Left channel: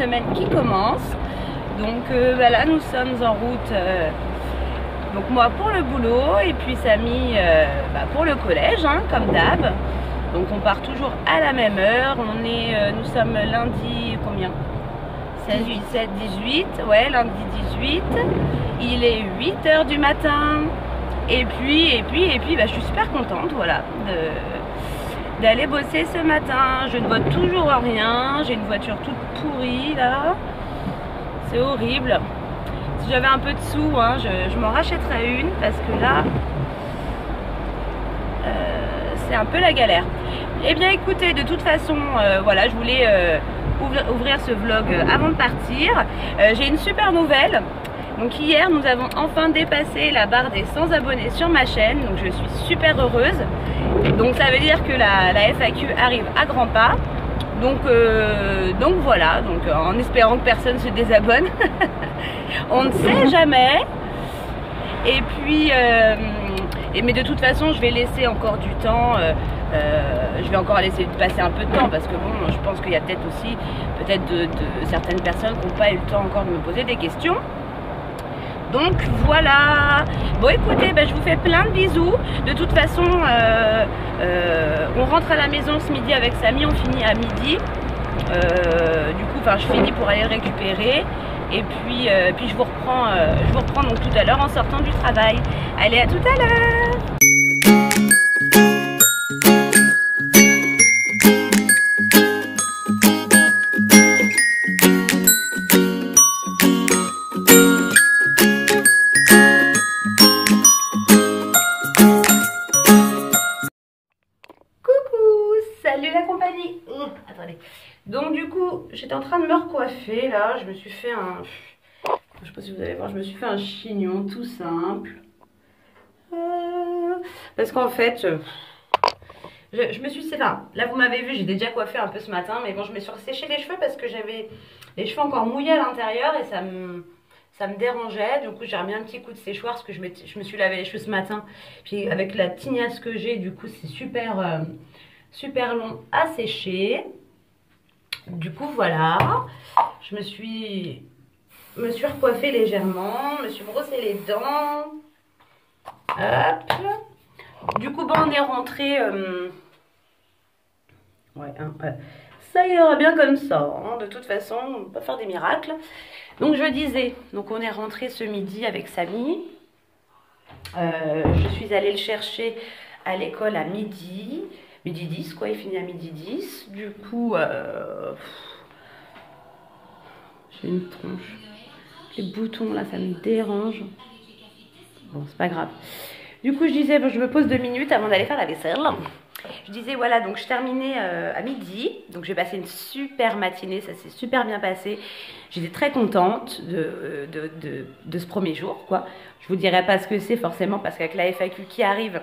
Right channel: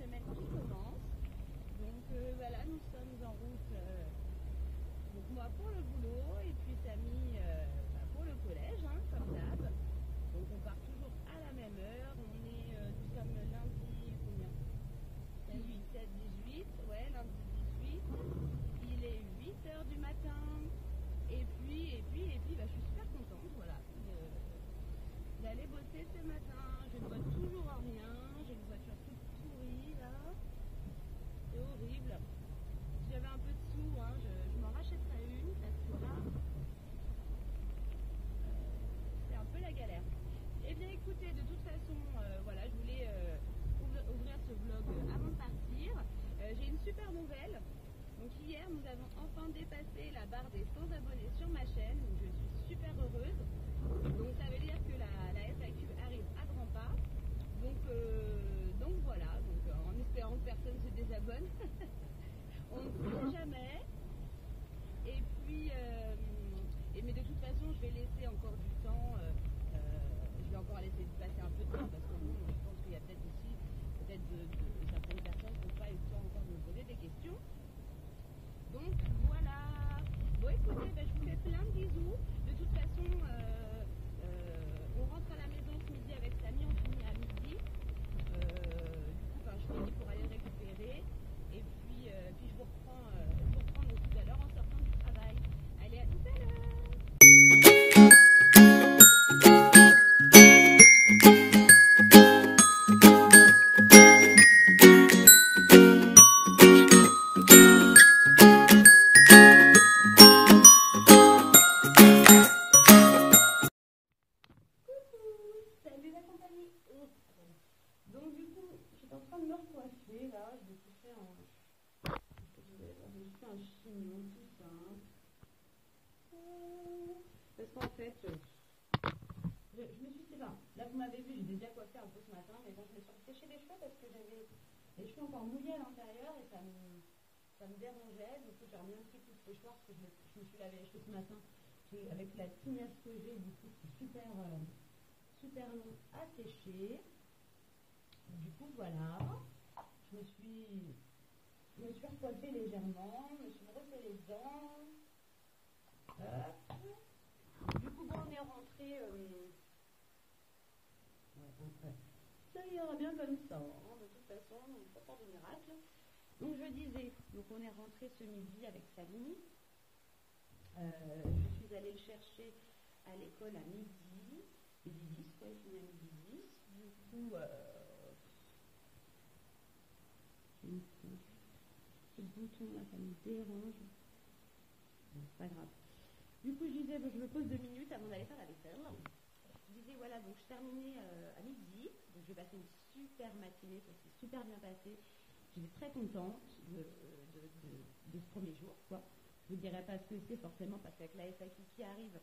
semaine qui commence. Donc là nous sommes en route, donc moi pour le boulot et puis Samy pour le collège, hein, comme d'hab. Donc on part toujours à la même heure. Nous sommes lundi combien? 16, 17, 18, ouais, lundi 18. Il est 8 h du matin. Et puis je suis super contente, voilà, d'aller bosser ce matin. Je ne vois toujours rien. J'ai une voiture toute pourrie là. C'est horrible. Si j'avais un peu de sous, hein, je m'en rachèterais une parce que là, c'est un peu la galère. Eh bien écoutez, de toute façon, voilà, je voulais ouvrir ce vlog avant de partir. J'ai une super nouvelle. Donc hier, nous avons enfin dépassé la barre des 100 abonnés sur ma chaîne. Donc je suis super heureuse. Donc ça veut dire que la FAQ arrive à grands pas. Donc voilà, donc en espérant que personne se désabonne. On ne sait jamais. Et puis, mais de toute façon, je vais laisser encore du temps. Je vais encore laisser passer un peu de temps parce que bon, je pense qu'il y a peut-être aussi de certaines personnes qui n'ont pas eu le temps encore de me poser des questions. Donc voilà. Bon écoutez, je vous fais plein de bisous. De toute façon, on rentre à la maison ce midi avec Samy, on finit à midi. Du coup, je finis pour aller le récupérer. Et puis je vous reprends donc tout à l'heure en sortant du travail. Allez, à tout à l'heure. Salut la compagnie. Attendez. Donc du coup, j'étais en train de me recoiffer là. Je me suis fait je sais pas si vous allez voir, je me suis fait un chignon tout simple. Parce qu'en fait, je me suis... Enfin, là vous m'avez vu, j'ai déjà coiffé un peu ce matin. Mais bon, je me suis séché les cheveux parce que j'avais les cheveux encore mouillés à l'intérieur. Et ça me dérangeait. Du coup, j'ai remis un petit coup de séchoir parce que je me suis lavé les cheveux ce matin. Puis avec la tignasse que j'ai, du coup, c'est super long à sécher. Du coup voilà, je me suis recoiffée légèrement, me suis brossé les dents. Hop. Du coup on est rentré. Ouais, ça ira bien comme ça, hein. De toute façon, on peut pas faire des miracles. Donc je disais, donc on est rentré ce midi avec Samy. Je suis allée le chercher à l'école à midi 10 quoi, il finit à midi 10. Du coup, j'ai une tronche. Les boutons là, ça me dérange. Bon, c'est pas grave. Du coup, je disais, je me pose 2 minutes avant d'aller faire la vaisselle. Je disais, voilà, donc je terminais à midi. Donc j'ai passé une super matinée, ça s'est super bien passé. J'étais très contente de ce premier jour, quoi. Je vous dirai pas ce que c'est forcément parce qu'avec la FAQ qui arrive,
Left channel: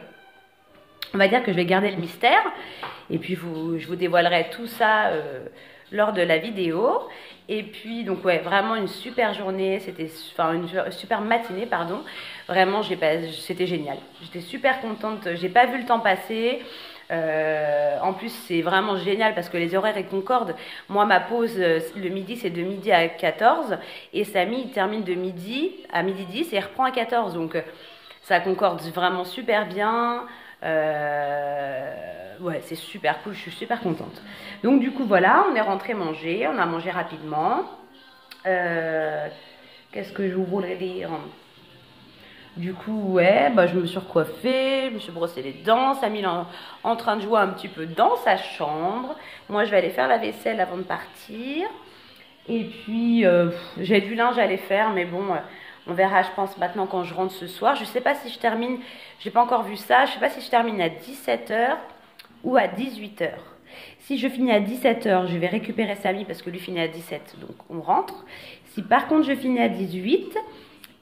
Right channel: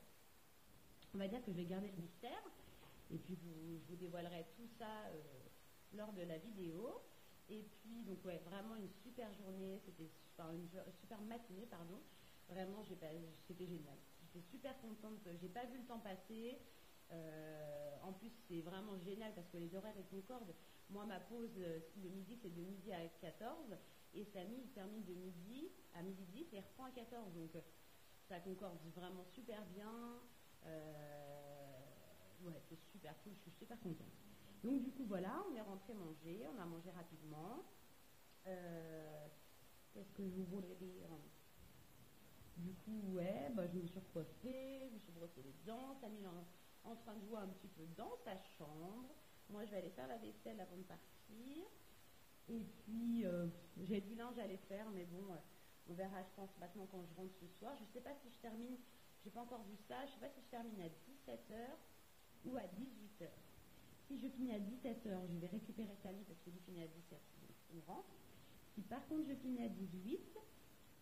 on va dire que je vais garder le mystère. Et puis je vous dévoilerai tout ça lors de la vidéo. Et puis donc ouais, vraiment une super journée, une super matinée pardon. Vraiment c'était génial. J'étais super contente, j'ai pas vu le temps passer. En plus c'est vraiment génial parce que les horaires ils concordent. Moi ma pause le midi c'est de midi à 14 et Samy il termine de midi à midi 10 et il reprend à 14. Donc ça concorde vraiment super bien. Ouais, c'est super cool, je suis super contente. Donc du coup voilà, on est rentré manger, on a mangé rapidement. Qu'est-ce que je voulais dire? Du coup ouais, je me suis recoiffée, je me suis brossé les dents. Samy est en train de jouer un petit peu dans sa chambre. Moi je vais aller faire la vaisselle avant de partir. Et puis j'ai du linge à aller faire, mais bon, on verra je pense maintenant quand je rentre ce soir. Je sais pas si je termine, j'ai pas encore vu ça, je sais pas si je termine à 17 h ou à 18 h. Si je finis à 17 h, je vais récupérer Samy parce que lui finit à 17, donc on rentre. Si par contre je finis à 18,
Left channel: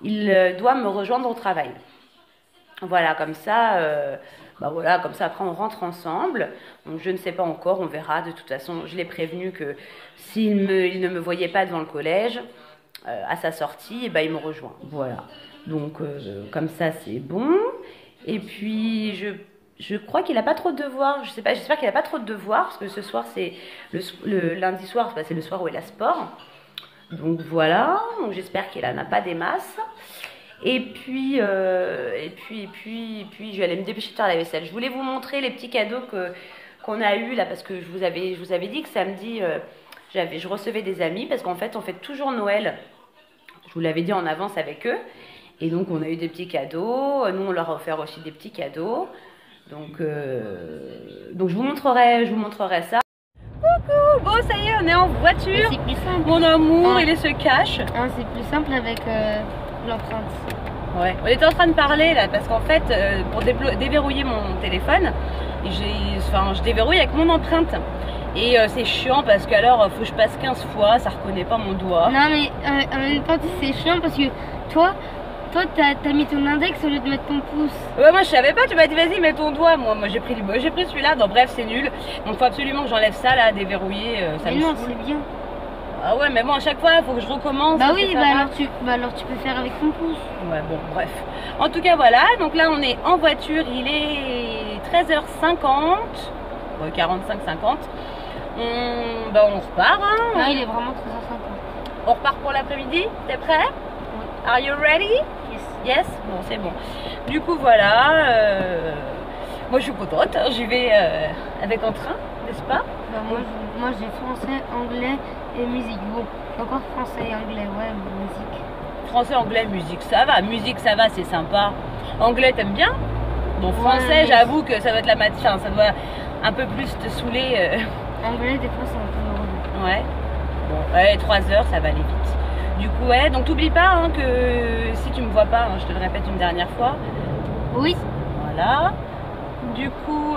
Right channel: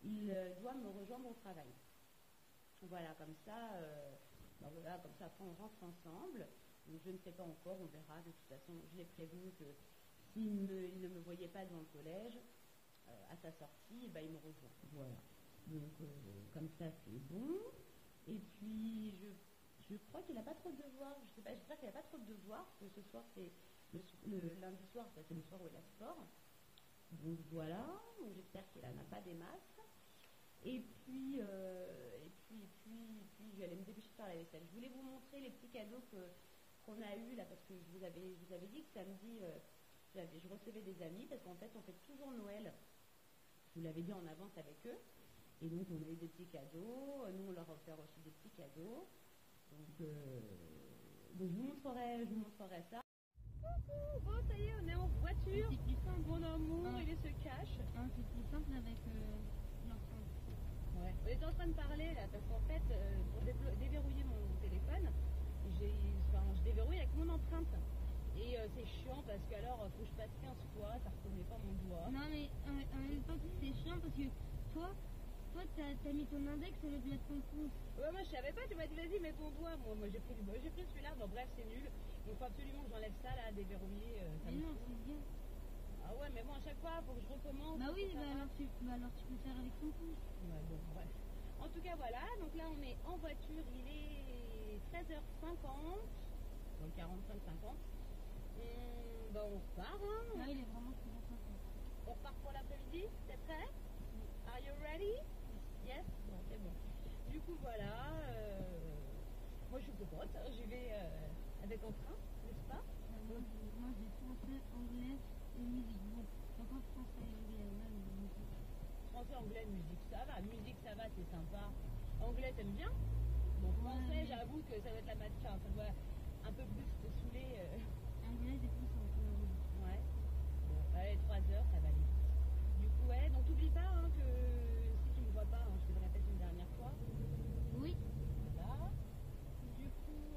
il doit me rejoindre au travail. Voilà, comme ça, voilà, comme ça après on rentre ensemble. Donc je ne sais pas encore, on verra. De toute façon, je l'ai prévenu que s'il ne me voyait pas devant le collège à sa sortie, il me rejoint. Voilà. Donc comme ça c'est bon. Et puis je crois qu'il n'a pas trop de devoirs. Je sais pas, j'espère qu'il n'a pas trop de devoirs parce que ce soir c'est le lundi soir, c'est le soir où il a sport. Donc voilà, donc j'espère qu'elle n'en a pas des masses. Et puis, je vais aller me dépêcher de faire la vaisselle. Je voulais vous montrer les petits cadeaux qu'on a eus là, parce que je vous avais dit que samedi, je recevais des amis, parce qu'en fait, on fait toujours Noël. Je vous l'avais dit en avance avec eux. Et donc, on a eu des petits cadeaux. Nous, on leur a offert aussi des petits cadeaux. Donc je vous montrerai ça. Coucou, bon, ça y est, on est en voiture. C'est plus simple. Mon amour, il se cache. C'est plus simple avec l'empreinte. Ouais, on était en train de parler là parce qu'en fait, pour déverrouiller mon téléphone, je déverrouille avec mon empreinte. Et c'est chiant parce qu'alors, faut que je passe 15 fois, ça reconnaît pas mon doigt. Non, mais en même temps, c'est chiant parce que toi, t'as mis ton index au lieu de mettre ton pouce. Ouais, moi je savais pas, tu m'as dit vas-y, mets ton doigt. Moi j'ai pris celui-là. Non, bref, c'est nul. Donc, faut absolument que j'enlève ça là, déverrouiller. Ça mais me non, saoule. c'est bien. Ah ouais, mais bon, à chaque fois, il faut que je recommence. Bah oui, alors tu peux faire avec ton pouce. Ouais, bon, bref. En tout cas, voilà. Donc là, on est en voiture. Il est 13h50. Ouais, 45-50. On repart. Hein. Là, il est vraiment 13h50. On repart pour l'après-midi. T'es prêt? Oui. Are you ready? Yes. Yes? Bon, c'est bon. Du coup, voilà. Moi, je suis contente. Hein. J'y vais avec un train, n'est-ce pas? Bah, moi j'ai français, anglais et musique. Bon, encore français et anglais, ouais, musique. Français, anglais, musique, ça va. Musique, ça va, c'est sympa. Anglais, t'aimes bien? Bon, français, ouais, j'avoue que ça doit être la matière. Ça doit un peu plus te saouler. Anglais, des fois, c'est un peu relou. Ouais. Bon, ouais, 3 heures, ça va aller vite. Du coup, ouais, donc t'oublies pas hein, que si tu me vois pas, hein, je te le répète une dernière fois. Oui. Voilà. Du coup,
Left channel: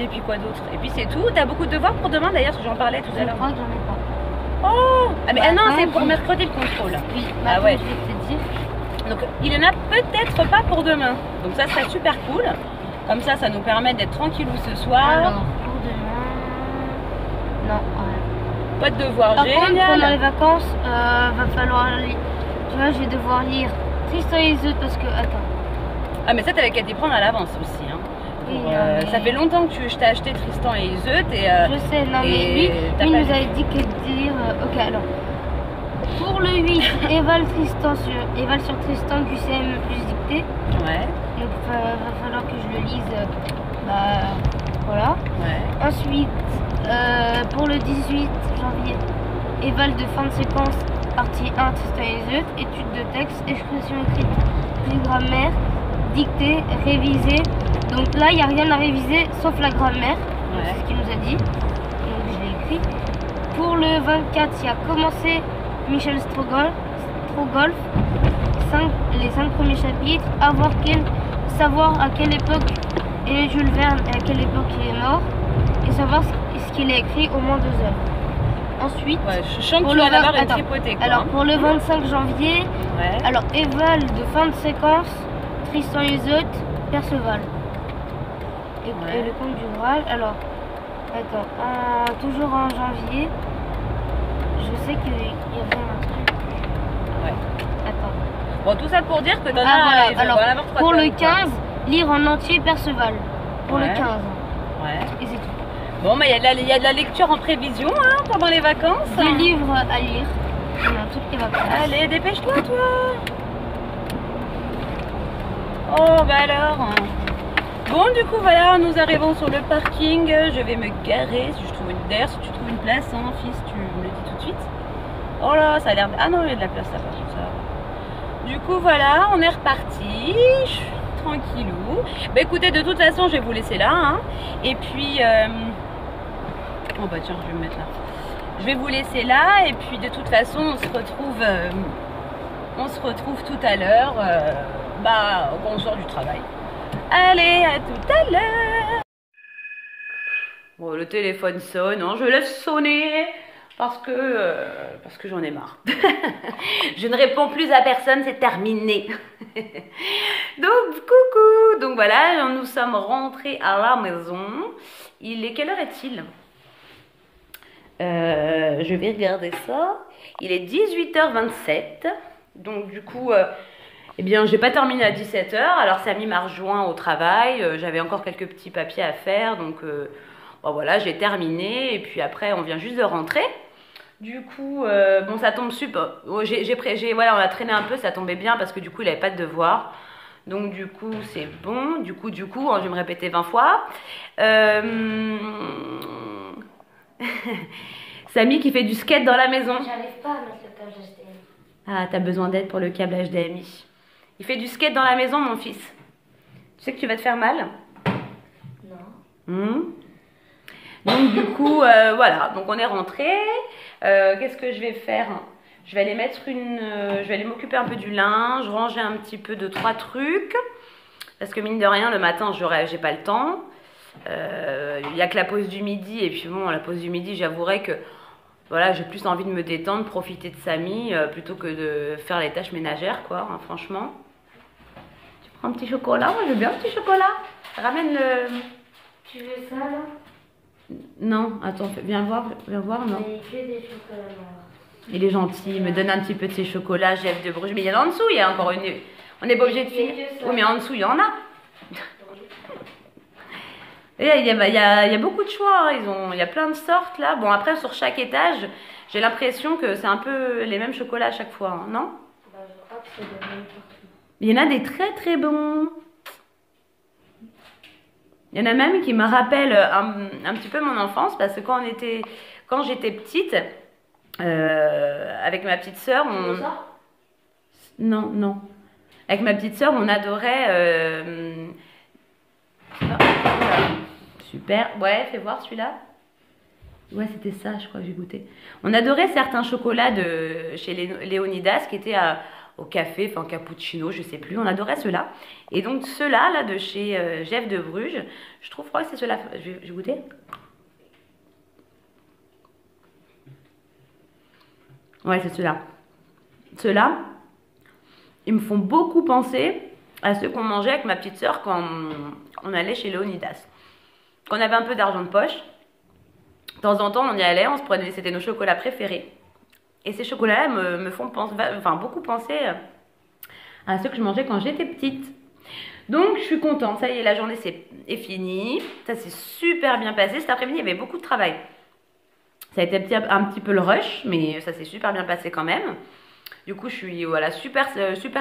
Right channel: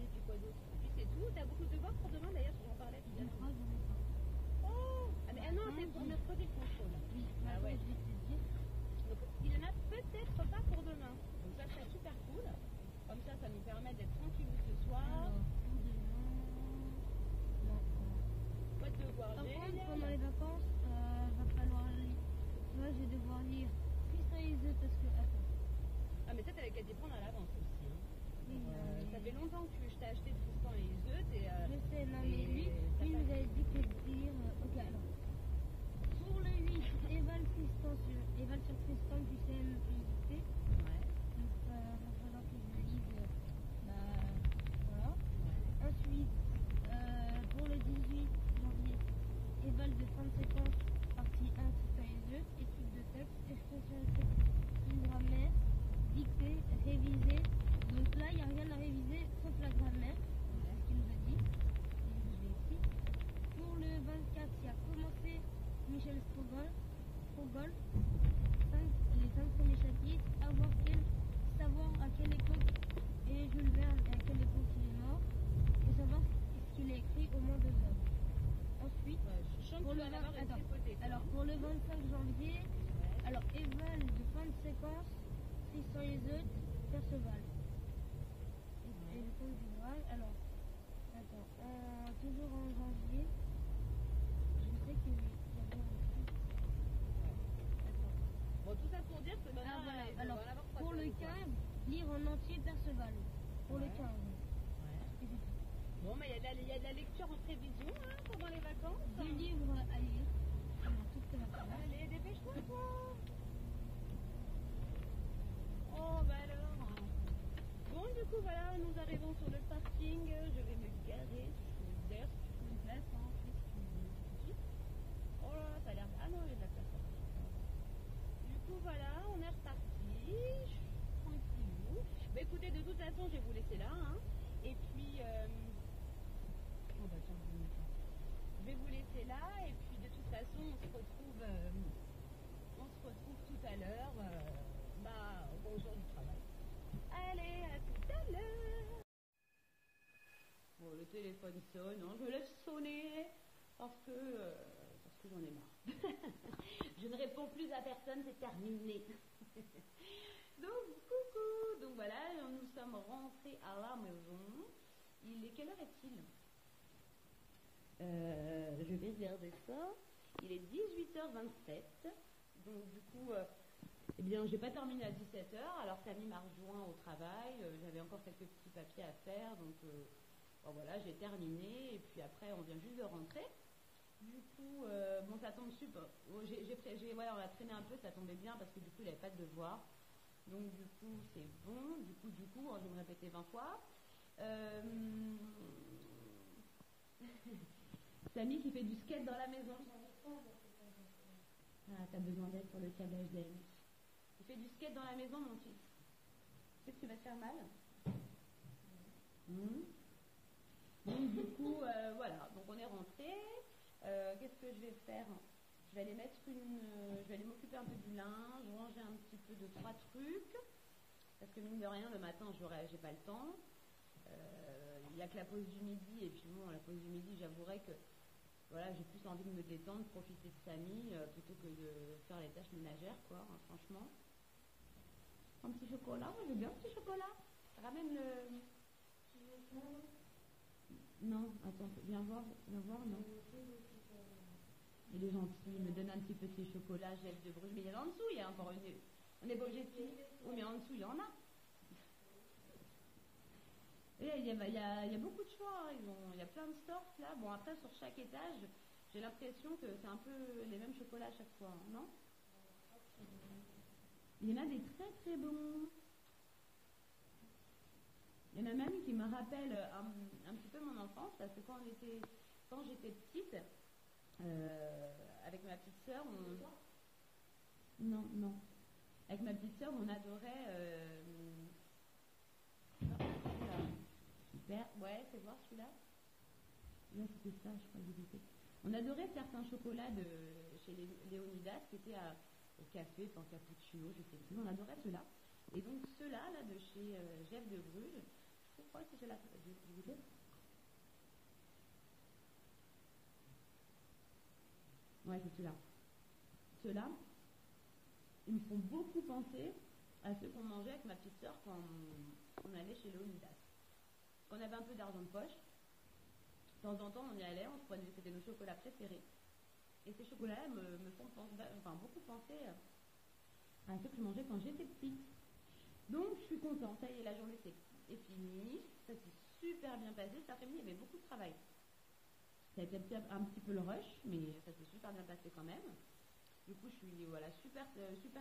et puis quoi d'autre? Et puis c'est tout. T'as beaucoup de devoirs pour demain d'ailleurs, parce que j'en parlais tout à Je l'heure. crois que j'en ai pas. Oh ah, mais Bah, non, attends, c'est pour mercredi le contrôle. Oui, Ah attends, ouais. je vais te dire. Donc il en a peut-être pas pour demain. Donc ça serait super cool. Comme ça nous permet d'être tranquillou ce soir. Alors, pour demain... Non, ouais. Pas de devoirs, Par contre, génial. pendant les vacances, va falloir lire. Tu vois, je vais devoir lire Tristan et Isolde parce que... Attends. Ah mais ça t'avais qu'à t'y prendre à l'avance aussi. Hein. Oui, Mais... mais... Ça fait longtemps que je t'ai acheté Tristan et Iseut et... Je sais, non mais lui il nous avait dit que de lire... Ok, alors. Pour le 8, Eval sur Tristan, QCM plus dictée. Ouais. Donc va falloir que je le lise. Voilà. Ouais. Ensuite, pour le 18 janvier, Eval de fin de séquence, partie 1, Tristan et Iseut, étude de texte, expression écrite, puis grammaire, dictée, révisée. Donc là, il n'y a rien à réviser sauf la grammaire. Ouais. C'est ce qu'il nous a dit. Donc je l'ai écrit. Pour le 24, il y a commencé Michel Strogoff, les 5 premiers chapitres, savoir à quelle époque est Jules Verne et à quelle époque il est mort, et savoir ce qu'il a écrit au moins 2 heures. Ensuite, ouais, je sens que tu vas avoir une tripotée. Alors pour le 25 janvier, ouais. Alors Eval de fin de séquence, Tristan et Iseut, Perceval. Et le conte du Graal. Alors, attends, toujours en janvier, je sais qu'il y avait un truc. Ouais. Attends. Bon, tout ça pour dire que dans voilà. Alors, pour le 15, lire en entier Perceval. Pour le 15. Ouais. Et c'est tout. Bon, mais il y a de la lecture en prévision hein, pendant les vacances. Des livres à lire pendant toutes les vacances. Allez, dépêche-toi, toi. Oh, bah alors. Bon, du coup, voilà, nous arrivons sur le parking. Je vais me garer. Si je trouve d'ailleurs, si tu trouves une place, hein, fils, tu me le dis tout de suite. Oh là, ça a l'air... Ah non, il y a de la place là-bas, ça. Du coup, voilà, on est reparti. Je suis tranquillou. Bah écoutez, de toute façon, je vais vous laisser là. Hein. Et puis... Oh bah tiens, je vais me mettre là. Je vais vous laisser là. Et puis, de toute façon, on se retrouve tout à l'heure. Quand on sort du travail. Allez, à tout à l'heure. Bon, le téléphone sonne, hein, je laisse sonner parce que j'en ai marre. Je ne réponds plus à personne, c'est terminé. Donc, coucou. Donc voilà, nous sommes rentrés à la maison. Quelle heure est-il? Je vais regarder ça. Il est 18h27. Donc du coup... Eh bien, j'ai pas terminé à 17h, alors Samy m'a rejoint au travail, j'avais encore quelques petits papiers à faire, donc voilà, j'ai terminé, et puis après, on vient juste de rentrer. Du coup, bon, ça tombe super. Voilà, on a traîné un peu, ça tombait bien parce que du coup, il avait pas de devoir. Donc, du coup, c'est bon. Du coup, je vais me répéter 20 fois. Samy qui fait du skate dans la maison. J'arrive pas à mettre le câble HDMI. Ah, t'as besoin d'aide pour le câble HDMI. Il fait du skate dans la maison, mon fils. Tu sais que tu vas te faire mal? Non. Donc du coup, voilà. Donc on est rentré. Qu'est-ce que je vais faire? Je vais aller je vais aller m'occuper un peu du linge, ranger un petit peu de 3 trucs. Parce que mine de rien, le matin, j'ai pas le temps. Il y a que la pause du midi. Et puis bon, la pause du midi, j'avouerai que voilà, j'ai plus envie de me détendre, profiter de Samy, plutôt que de faire les tâches ménagères, quoi, hein, franchement. Tu prends un petit chocolat? Moi, je veux bien un petit chocolat. Ramène le... Tu veux ça là? Non, attends, viens voir, non. Mais il fait des chocolats noirs. Il est gentil, il me donne un petit peu de ses chocolats, Jeff de Bruges. Mais il y en a en dessous, il y a encore une... On n'est pas obligé de finir. Oui, mais en dessous, il y en a. Et il y a beaucoup de choix, hein. Il y a plein de sortes là. Bon, après, sur chaque étage, j'ai l'impression que c'est un peu les mêmes chocolats à chaque fois, hein, non? Bah, je crois que c'est le même partout. Il y en a des très très bons. Il y en a même qui me rappellent un petit peu mon enfance parce que quand j'étais petite, avec ma petite sœur, non. Avec ma petite sœur, on adorait. Super. Ouais, fais voir celui-là. Ouais, c'était ça, je crois que j'ai goûté. On adorait certains chocolats de chez Léonidas qui étaient au café, enfin cappuccino, je sais plus. On adorait ceux-là. Et donc ceux-là, là, de chez Jeff de Bruges, je crois que c'est ceux-là. Je vais goûter. Ouais, c'est ceux-là. Ceux-là, ils me font beaucoup penser à ceux qu'on mangeait avec ma petite sœur quand on allait chez Léonidas. Quand on avait un peu d'argent de poche, de temps en temps, on y allait, on se prenait, c'était nos chocolats préférés. Et ces chocolats-là me font beaucoup penser à ceux que je mangeais quand j'étais petite. Donc, je suis contente. Ça y est, la journée est finie. Ça s'est super bien passé. Cet après-midi, il y avait beaucoup de travail. Ça a été un petit peu le rush, mais ça s'est super bien passé quand même. Du coup, je suis voilà, super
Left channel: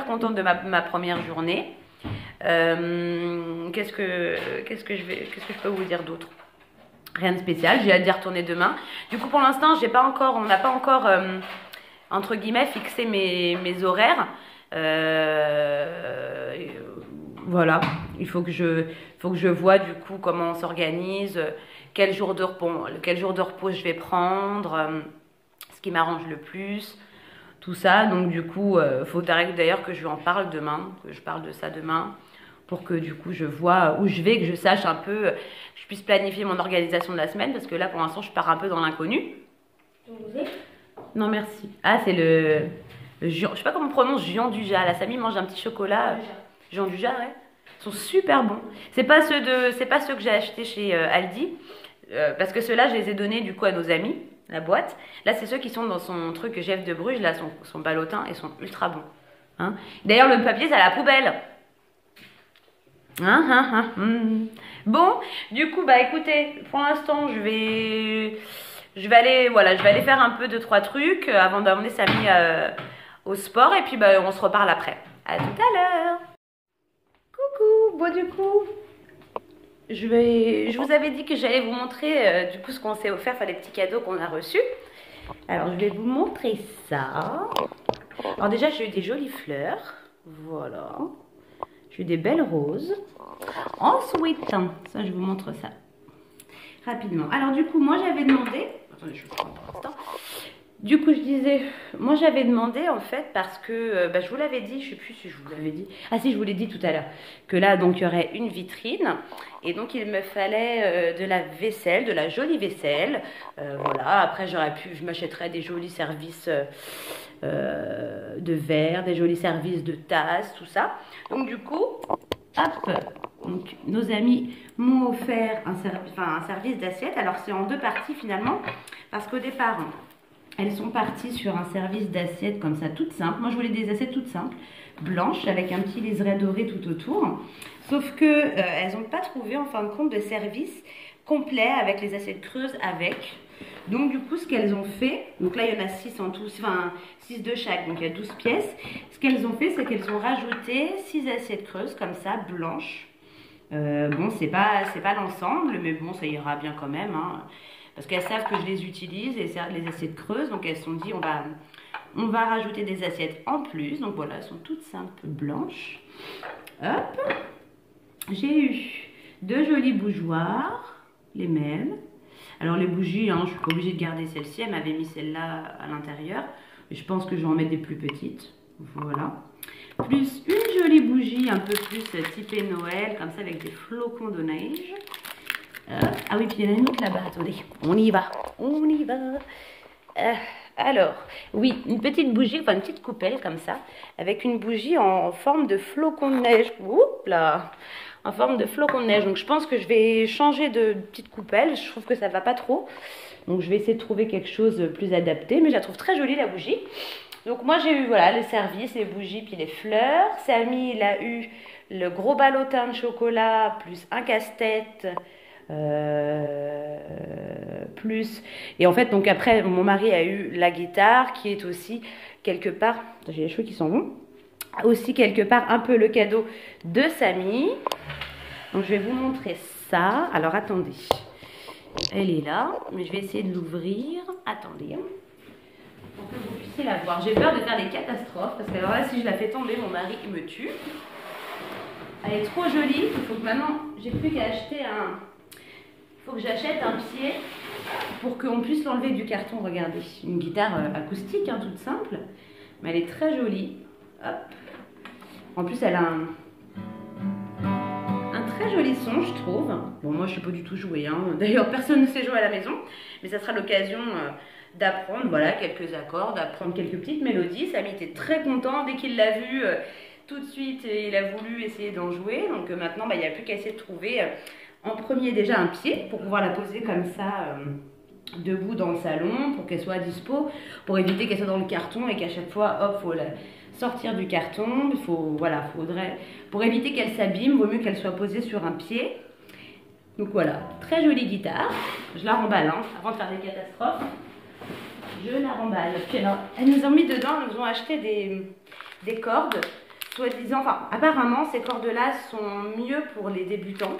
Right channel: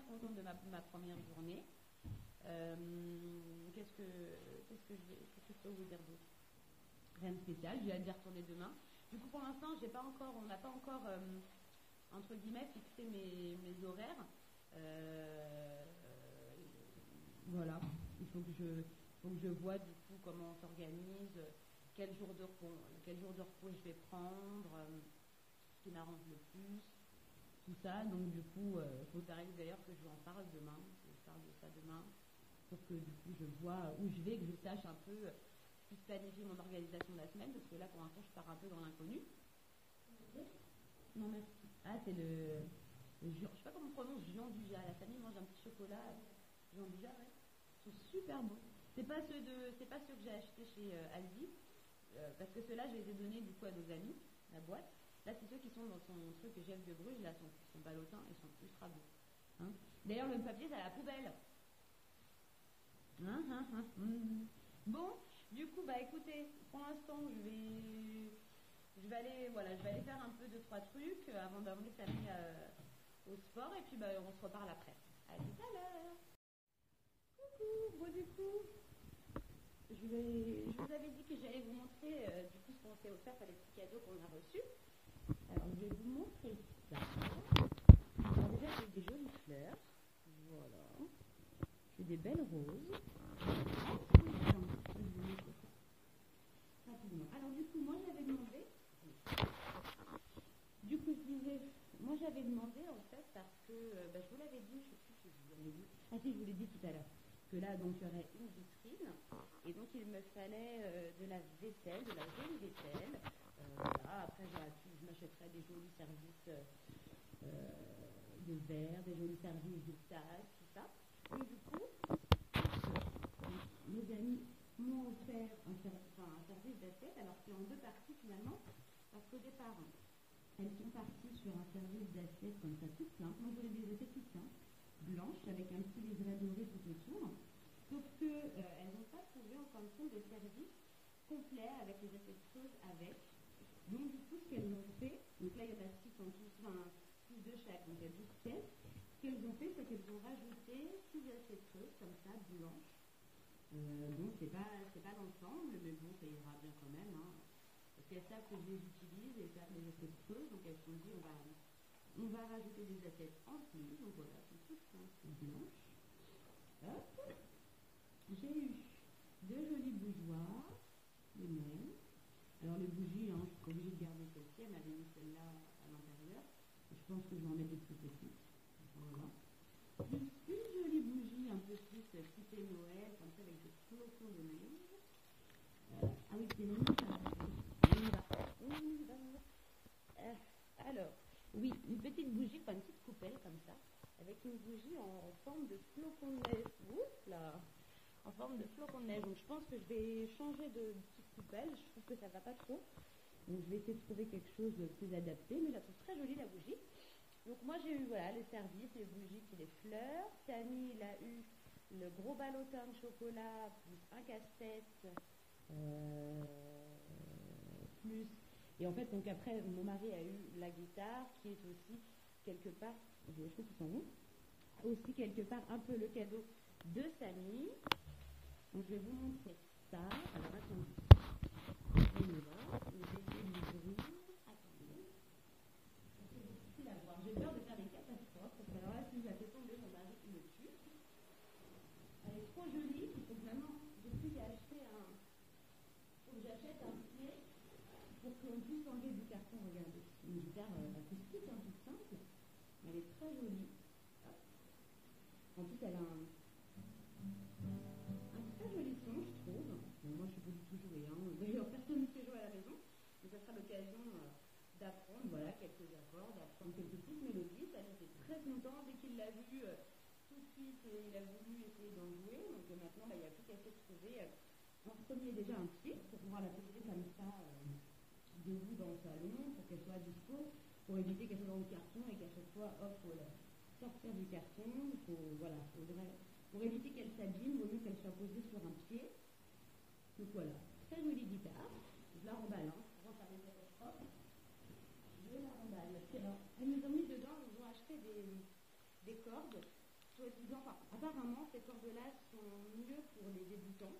contente de ma première journée. Qu'est-ce que je peux vous dire d'autre? Rien de spécial, j'ai hâte d'y retourner demain. Du coup, pour l'instant, on n'a pas encore, entre guillemets, fixé mes horaires. Voilà, il faut que je vois du coup comment on s'organise, quel jour de repos je vais prendre, ce qui m'arrange le plus, tout ça. Donc du coup, faut d'ailleurs que je lui en parle demain, que je parle de ça demain, pour que du coup je vois où je vais, que je sache un peu, que je puisse planifier mon organisation de la semaine, parce que là pour l'instant je pars un peu dans l'inconnu. Non merci. Ah c'est le je sais pas comment on prononce, Jean Dujas. La Samy mange un petit chocolat. Jean Dujas, ouais. Ils sont super bons. C'est pas ceux que j'ai achetés chez Aldi, parce que ceux-là je les ai donnés du coup à nos amis, la boîte. Là c'est ceux qui sont dans son truc Jeff de Bruges, là son ballotin, et sont ultra bons. Hein, d'ailleurs le papier c'est à la poubelle. Bon, du coup, bah écoutez, pour l'instant, je vais aller faire un peu 2-3 trucs avant d'emmener Samy au sport, et puis bah, on se reparle après. À tout à l'heure. Coucou, bon du coup, je vous avais dit que j'allais vous montrer du coup ce qu'on s'est offert, enfin les petits cadeaux qu'on a reçus. Alors, je vais vous montrer ça. Alors déjà, j'ai eu des jolies fleurs, voilà. J'ai eu des belles roses. Ensuite, ça je vous montre ça rapidement. Alors du coup, moi j'avais demandé... Attendez, je prends un temps. Du coup, je disais... Moi j'avais demandé en fait parce que... je vous l'avais dit, je sais plus si je vous l'avais dit. Ah si, je vous l'ai dit tout à l'heure. Que là, donc, il y aurait une vitrine. Et donc, il me fallait de la vaisselle, de la jolie vaisselle. Voilà, après je m'achèterais des jolis services... de verre, des jolis services de tasses, tout ça. Donc du coup, hop, donc, nos amis m'ont offert un service d'assiette. Alors c'est en 2 parties finalement, parce qu'au départ, elles sont parties sur un service d'assiette comme ça, toute simple. Moi je voulais des assiettes toutes simples, blanches, avec un petit liseré doré tout autour. Sauf que elles n'ont pas trouvé en fin de compte de service complet avec les assiettes creuses avec. Donc du coup, ce qu'elles ont fait, donc là il y en a 6 en tout, enfin 6 de chaque, donc il y a 12 pièces. Ce qu'elles ont fait, c'est qu'elles ont rajouté 6 assiettes creuses comme ça, blanches. Bon, c'est pas l'ensemble, mais bon, ça ira bien quand même, hein, parce qu'elles savent que je les utilise, les assiettes creuses, donc elles se sont dit on va rajouter des assiettes en plus. Donc voilà, elles sont toutes simples blanches. Hop, j'ai eu 2 jolies bougeoirs, les mêmes. Alors les bougies, hein, je suis pas obligée de garder celle-ci, elle m'avait mis celle-là à l'intérieur. Je pense que je vais en mettre des plus petites. Voilà. Plus une jolie bougie un peu plus typée Noël, comme ça avec des flocons de neige. Ah oui, puis il y en a une autre là-bas, attendez. On y va, on y va. Alors, oui, une petite bougie, enfin une petite coupelle comme ça, avec une bougie en forme de flocon de neige. Oups là, en forme de flocon de neige. Donc je pense que je vais changer de petite coupelle. Je trouve que ça ne va pas trop. Donc je vais essayer de trouver quelque chose de plus adapté. Mais je la trouve très jolie la bougie. Donc moi j'ai eu voilà, les services, les bougies, puis les fleurs. Samy il a eu le gros ballotin de chocolat, plus un casse-tête. Plus et en fait donc après mon mari a eu la guitare qui est aussi quelque part, j'ai les cheveux qui sont bons, aussi quelque part un peu le cadeau de Samy. Donc je vais vous montrer ça. Alors attendez, elle est là, mais je vais essayer de l'ouvrir. Attendez pour que vous puissiez la voir. J'ai peur de faire des catastrophes parce que alors là si je la fais tomber mon mari il me tue. Elle est trop jolie. Il faut que maintenant j'ai plus qu'à acheter faut que j'achète un pied pour qu'on puisse l'enlever du carton. Regardez, une guitare acoustique, hein, toute simple, mais elle est très jolie. Hop. En plus, elle a un très joli son, je trouve. Bon, moi, je ne sais pas du tout jouer. Hein. D'ailleurs, personne ne sait jouer à la maison, mais ça sera l'occasion d'apprendre voilà, quelques accords, d'apprendre quelques petites mélodies. Samy était très content dès qu'il l'a vu. Tout de suite, il a voulu essayer d'en jouer. Donc maintenant, il n'y a plus qu'à essayer de trouver... en premier déjà un pied pour pouvoir la poser comme ça debout dans le salon pour qu'elle soit à dispo, pour éviter qu'elle soit dans le carton et qu'à chaque fois hop faut la sortir du carton. Il faut voilà, faudrait pour éviter qu'elle s'abîme, vaut mieux qu'elle soit posée sur un pied. Donc voilà, très jolie guitare. Je la remballe hein, avant de faire des catastrophes. Je la remballe. Puis alors, elles nous ont mis dedans, elles nous ont acheté des cordes, soi-disant, enfin apparemment ces cordes-là sont mieux pour les débutants.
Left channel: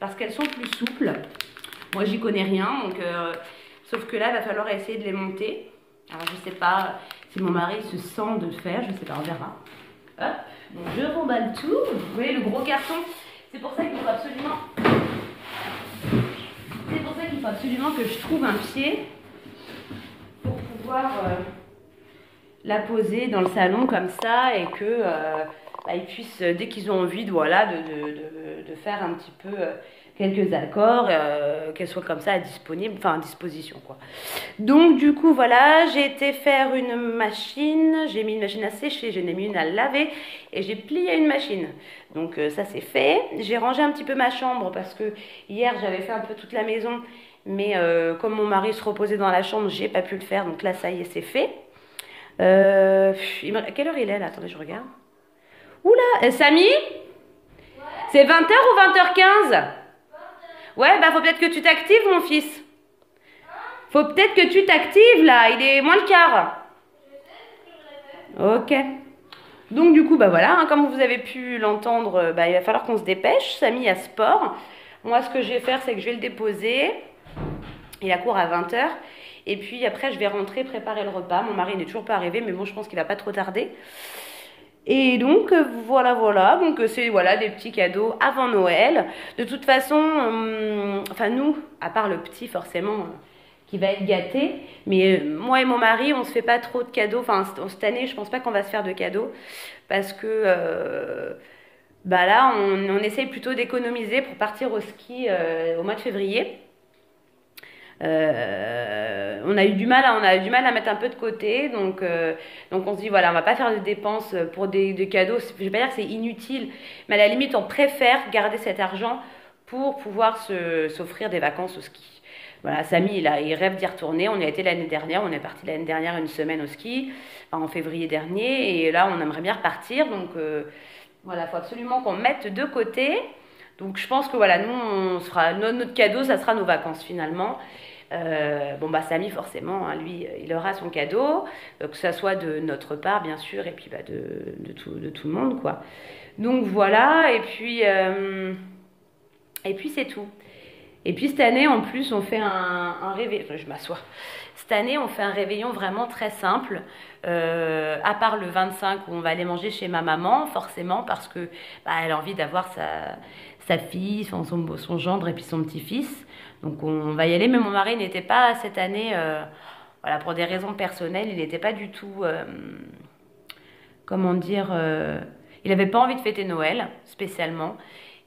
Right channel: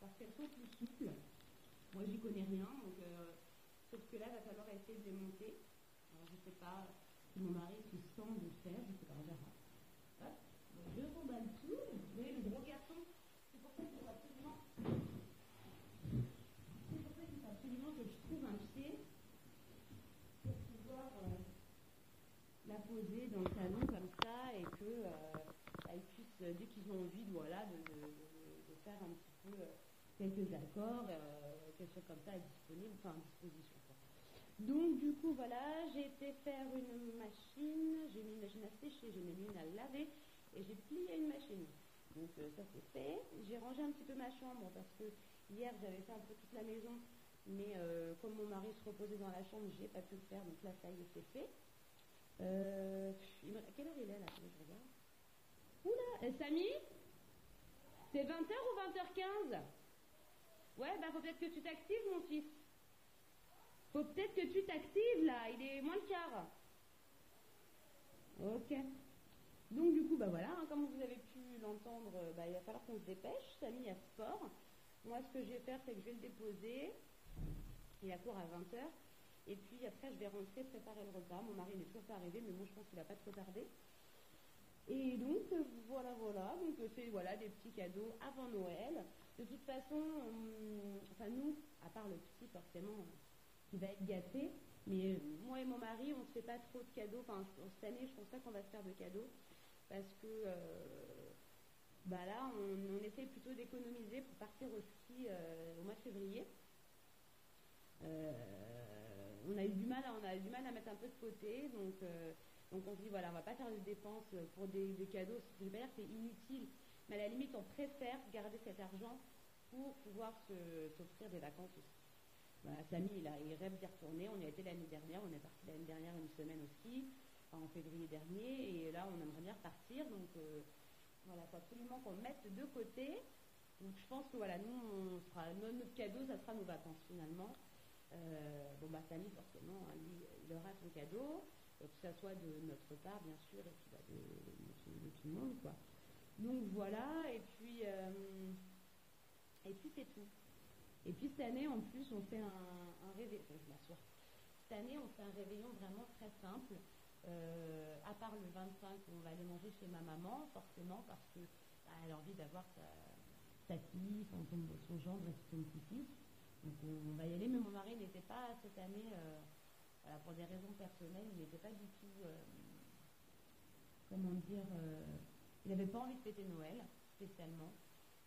Parce qu'elles sont plus souples. Moi, j'y connais rien, donc sauf que là, il va falloir essayer de les monter. Alors, je sais pas si mon mari se sent de le faire, je sais pas, on verra. Hop, donc je remballe tout. Vous voyez le gros carton. C'est pour ça qu'il faut absolument. C'est pour ça qu'il faut absolument que je trouve un pied pour pouvoir la poser dans le salon comme ça et que ils puissent, dès qu'ils ont envie voilà, de faire un petit peu quelques accords, qu'elles soient comme ça disponibles, enfin à disposition quoi. Donc du coup voilà, j'ai été faire une machine, j'ai mis une machine à sécher, j'en ai mis une à laver et j'ai plié une machine. Donc ça c'est fait. J'ai rangé un petit peu ma chambre parce que hier j'avais fait un peu toute la maison, mais comme mon mari se reposait dans la chambre, j'ai pas pu le faire, donc là ça y est c'est fait. Quelle heure il est là? Attendez, je regarde. Oula, Samy, ouais. C'est 20h ou 20h15? 20h. Ouais, bah faut peut-être que tu t'actives, mon fils. Hein? Faut peut-être que tu t'actives, là. Il est moins le quart. Ok. Donc, du coup, bah voilà, hein, comme vous avez pu l'entendre, il va falloir qu'on se dépêche. Samy a sport. Moi, ce que je vais faire, c'est que je vais le déposer. Il a cours à 20h. Et puis, après, je vais rentrer, préparer le repas. Mon mari n'est toujours pas arrivé, mais bon, je pense qu'il va pas trop tarder. Et donc voilà, donc c'est voilà, des petits cadeaux avant Noël. De toute façon, enfin nous, à part le petit forcément qui va être gâté, mais moi et mon mari, on se fait pas trop de cadeaux. Enfin cette année, je pense pas qu'on va se faire de cadeaux parce que là, on essaye plutôt d'économiser pour partir au ski au mois de février. On a eu du mal à mettre un peu de côté, donc on se dit voilà, on va pas faire de dépenses pour des cadeaux. Je vais pas dire que c'est inutile, mais à la limite on préfère garder cet argent pour pouvoir s'offrir des vacances au ski. Voilà, Samy il rêve d'y retourner. On y a été l'année dernière, on est parti l'année dernière une semaine au ski, en février dernier, et là on aimerait bien repartir, donc voilà, faut absolument qu'on mette de côté. Donc je pense que voilà, nous on sera notre cadeau, ça sera nos vacances finalement. Bon bah Samy forcément, hein, lui, il aura son cadeau, que ça soit de notre part bien sûr, et puis bah, de tout le monde quoi. Donc voilà, et puis c'est tout. Et puis cette année en plus on fait un réveillon, je m'assois. Cette année on fait un réveillon vraiment très simple, à part le 25 où on va aller manger chez ma maman, forcément parce que bah, elle a envie d'avoir sa fille, son gendre et puis son petit-fils. Donc on va y aller, mais mon mari n'était pas cette année, voilà, pour des raisons personnelles, il n'était pas du tout, comment dire, il n'avait pas envie de fêter Noël spécialement.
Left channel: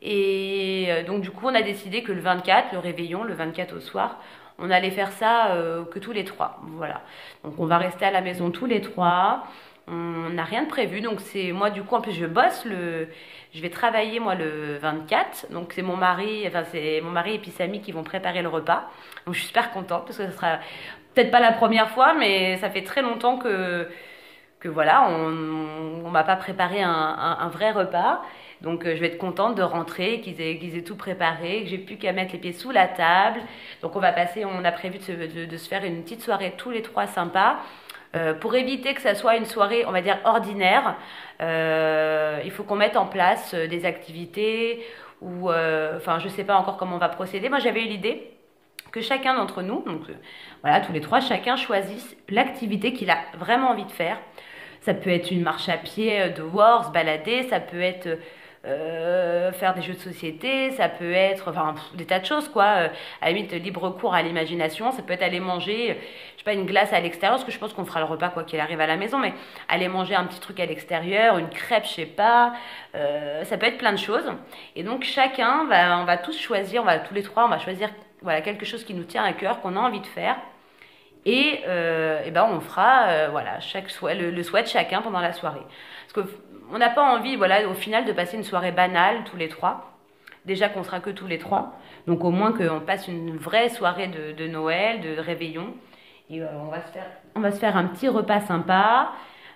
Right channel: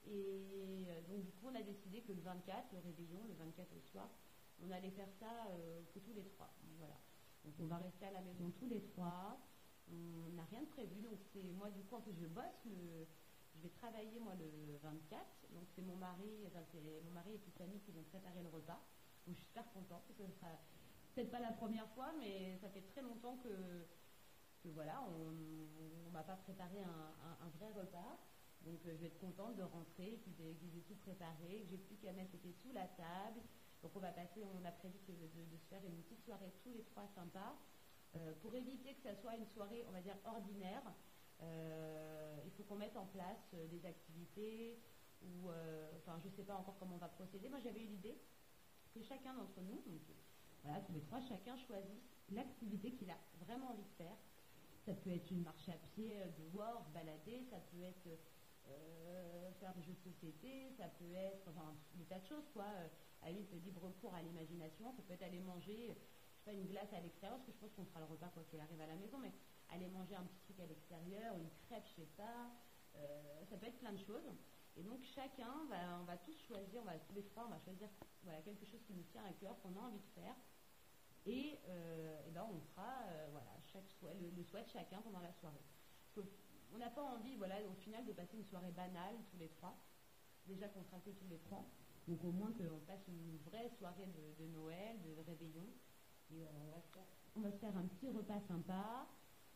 Et donc du coup on a décidé que le 24, le réveillon, le 24 au soir, on allait faire ça que tous les trois. Voilà. Donc on va rester à la maison tous les trois. On n'a rien de prévu. Donc c'est moi du coup en plus je vais travailler moi le 24. Donc c'est mon mari et puis Samy qui vont préparer le repas. Donc je suis super contente parce que ce sera peut-être pas la première fois, mais ça fait très longtemps que voilà, on m'a pas préparé un vrai repas. Donc je vais être contente de rentrer, qu'ils aient tout préparé, que j'ai plus qu'à mettre les pieds sous la table. Donc on a prévu de se faire une petite soirée tous les trois sympa. Pour éviter que ça soit une soirée, on va dire, ordinaire, il faut qu'on mette en place des activités ou, enfin, je sais pas encore comment on va procéder. Moi, j'avais eu l'idée que chacun d'entre nous, donc voilà, tous les trois, chacun choisisse l'activité qu'il a vraiment envie de faire. Ça peut être une marche à pied dehors, se balader, ça peut être faire des jeux de société, ça peut être enfin des tas de choses quoi, à la limite libre cours à l'imagination, ça peut être aller manger je sais pas une glace à l'extérieur, parce que je pense qu'on fera le repas quoi qu'il arrive à la maison, mais aller manger un petit truc à l'extérieur, une crêpe je sais pas, ça peut être plein de choses. Et donc chacun on va tous choisir, tous les trois on va choisir voilà quelque chose qui nous tient à cœur, qu'on a envie de faire. Et ben on fera voilà le souhait de chacun pendant la soirée, parce que on n'a pas envie, voilà, au final, de passer une soirée banale tous les trois. Déjà qu'on sera que tous les trois. Donc au moins qu'on passe une vraie soirée de Noël, de réveillon. Et on va se faire un petit repas sympa.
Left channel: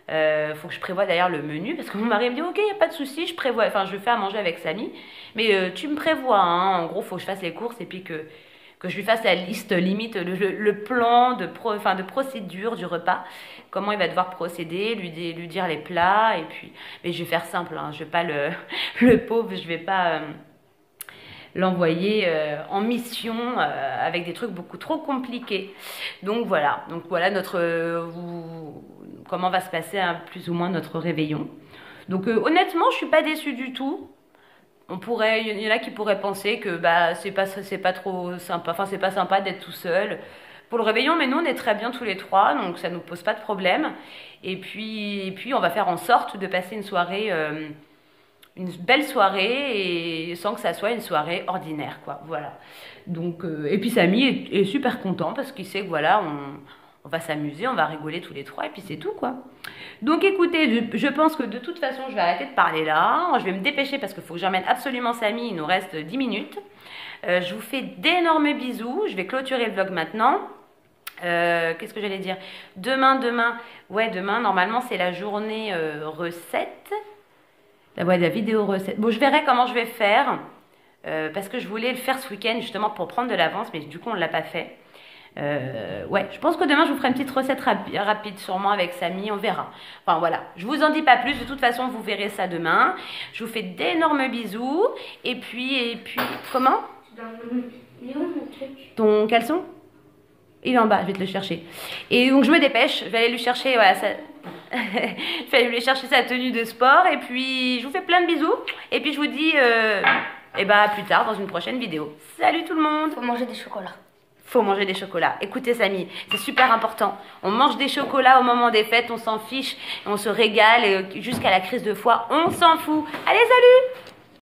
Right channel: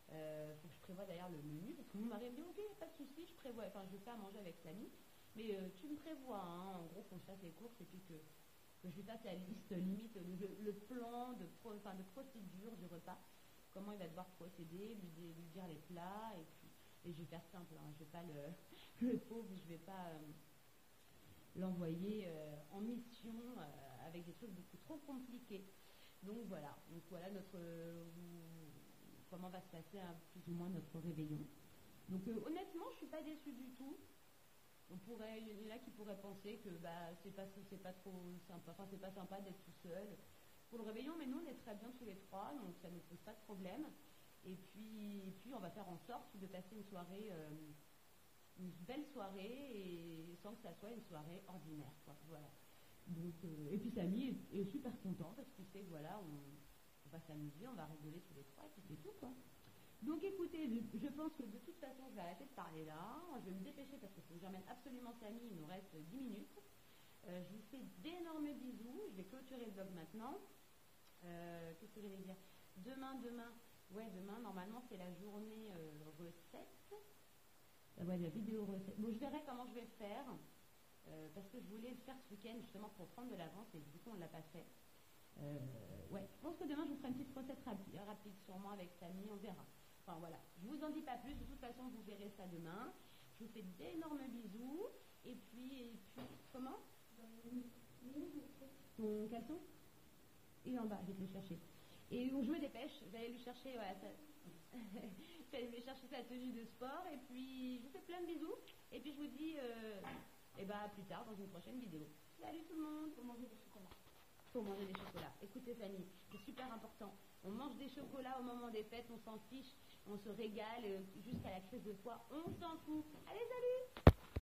Faut que je prévoie d'ailleurs le menu. Parce que mon mari me dit, ok, il n'y a pas de souci, je fais à manger avec Samy. Mais tu me prévois, hein, en gros, il faut que je fasse les courses et puis que je lui fasse la liste, limite, le plan de procédure du repas. Comment il va devoir procéder, lui dire les plats, et puis, mais je vais faire simple, hein, je vais pas le pauvre, je vais pas l'envoyer en mission avec des trucs beaucoup trop compliqués. Donc voilà comment va se passer hein, plus ou moins notre réveillon. Donc honnêtement, je suis pas déçue du tout. Il y en a qui pourraient penser que bah c'est pas trop sympa, enfin c'est pas sympa d'être tout seul pour le réveillon, mais nous on est très bien tous les trois, donc ça nous pose pas de problème. Et puis on va faire en sorte de passer une soirée, une belle soirée, et sans que ça soit une soirée ordinaire, quoi. Voilà. Donc et puis Samy est super content parce qu'il sait que voilà, on va s'amuser, on va rigoler tous les trois, et puis c'est tout, quoi. Donc écoutez, je pense que de toute façon je vais arrêter de parler là. Je vais me dépêcher parce qu'il faut que j'emmène absolument Samy, il nous reste 10 minutes. Je vous fais d'énormes bisous, je vais clôturer le vlog maintenant. Qu'est-ce que j'allais dire? Demain, normalement c'est la journée recette. La vidéo recette. Bon, je verrai comment je vais faire, parce que je voulais le faire ce week-end justement pour prendre de l'avance, mais du coup on ne l'a pas fait. Ouais, je pense que demain je vous ferai une petite recette rapide sûrement avec Samy, on verra. Enfin voilà, je vous en dis pas plus, de toute façon vous verrez ça demain. Je vous fais d'énormes bisous, et puis comment? Il est où mon truc? Ton caleçon? Il est en bas, je vais te le chercher. Et donc je me dépêche, je vais aller lui chercher, voilà, je vais aller lui chercher sa tenue de sport, et puis je vous fais plein de bisous, et puis je vous dis à plus tard dans une prochaine vidéo. Salut tout le monde! Faut manger des chocolats. Faut manger des chocolats. Écoutez Samy, c'est super important. On mange des chocolats au moment des fêtes, on s'en fiche, on se régale, et jusqu'à la crise de foie, on s'en fout. Allez, salut!